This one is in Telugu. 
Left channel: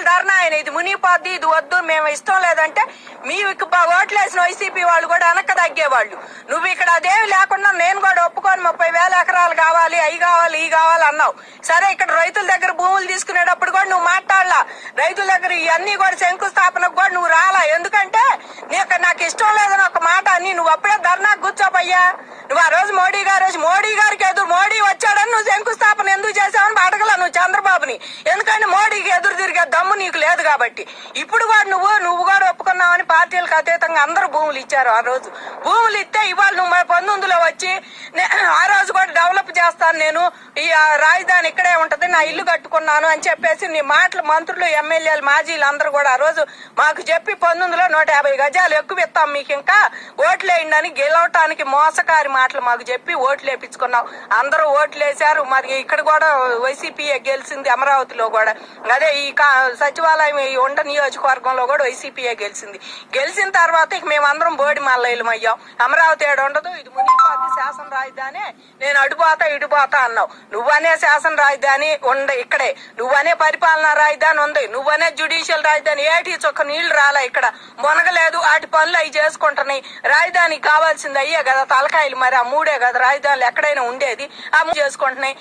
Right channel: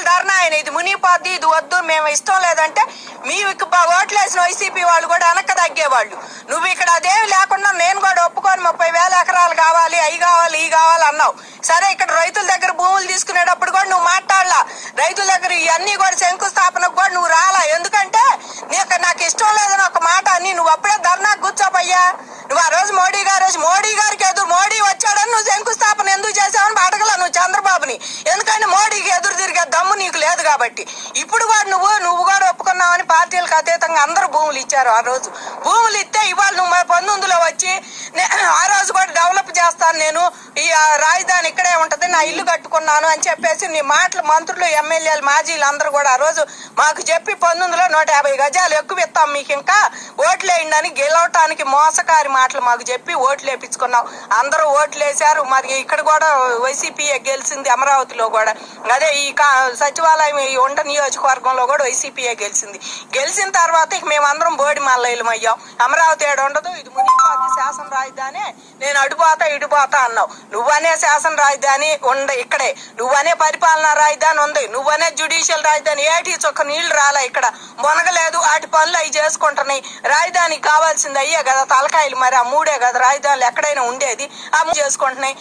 రోజులు ధర్నా ఆయన ఇది మునిగిపోద్ది ఇది వద్దు మేము ఇష్టం లేదంటే మీకు ఓట్లు ఓట్లేసిన వైసీపీ వాళ్ళు కూడా వెనక్కి తగ్గేవాళ్ళు. నువ్వు ఇక్కడ అదేమి లేకుండా నేను కూడా ఒప్పుకొని ముప్పై వేల ఎకరాలు కావాలి అవి కావాలి ఇవి కావాలి అన్నావు. సరే ఇక్కడ రైతుల దగ్గర భూములు తీసుకునేటప్పుడు కూడా నువ్వు మాట్లాడలా. రైతుల దగ్గర ఇవన్నీ కూడా శంకుస్థాపనకు కూడా నువ్వు రాలా. ఎందుకంటే నీకు నాకు ఇష్టం లేదని ఒక మాట అని నువ్వు అప్పుడే ధర్నా కూర్చోపయ్యా. నువ్వు ఆ రోజు మోడీ గారు మోడీ గారికి ఎదురు మోడీ వచ్చాడని నువ్వు శంకుస్థాపన ఎందుకు చేసావని అడగల నువ్వు చంద్రబాబుని. ఎందుకంటే మోడీకి ఎదురు లేదు కాబట్టి. ఇప్పుడు కూడా నువ్వు నువ్వు కూడా పార్టీలకు అతీతంగా అందరూ భూములు ఇచ్చారు ఆ రోజు. భూములు ఇస్తే ఇవాళ నువ్వు పంతొమ్మిదిలో వచ్చి నే- ఆ రోజు కూడా డెవలప్ చేస్తాను నేను. ఈ రాజధాని ఇక్కడే ఉంటది నా ఇల్లు కట్టుకున్నాను అని చెప్పేసి నీ మాటలు మంత్రులు ఎమ్మెల్యేలు మాజీలు అందరూ కూడా ఆ రోజు మాకు చెప్పి పంతొమ్మిదిలో నూట యాభై గజాలు ఎక్కువ ఇస్తాం మీకు ఇంకా ఓట్లు వేయండి అని గెలవటానికి మోసకారి మాటలు మాకు చెప్పి ఓట్లు వేపించుకున్నాం. అందరూ ఓట్లు వేశారు. మరి ఇక్కడ కూడా వైసీపీ గెలిచింది అమరావతిలో కూడా. అదే ఈ కా- సచివాలయం ఈ ఉండ నియోజకవర్గంలో కూడా వైసీపీఏ గెలిచింది. కలిసిన తర్వాత ఇక మేమందరం బోడి మల్లయ్యలం అయ్యాం. అమరావతి ఏడు ఉండదు? ఇది మునిగిపోతే శాసన రాజధాని. నేను అడుపోతా ఇడిపోతా అన్నావు. నువ్వనే శాసన రాజధాని ఉండ ఇక్కడే. నువ్వనే పరిపాలనా రాజధాని ఉంది. నువ్వనే జ్యుడిషియల్ రాజధాని. ఏటి చొక్క నీళ్ళు రాలే ఇక్కడ. మునగలేదు. వాటి పనులు అవి చేసుకుంటున్నాయి. రాజధానికి కావాల్సింది అయ్యే కదా. తలకాయలు మరి ఆ మూడే కదా. రాజధానులు ఎక్కడైనా ఉండేది. అమ్ము చేసుకుంటున్నాయి.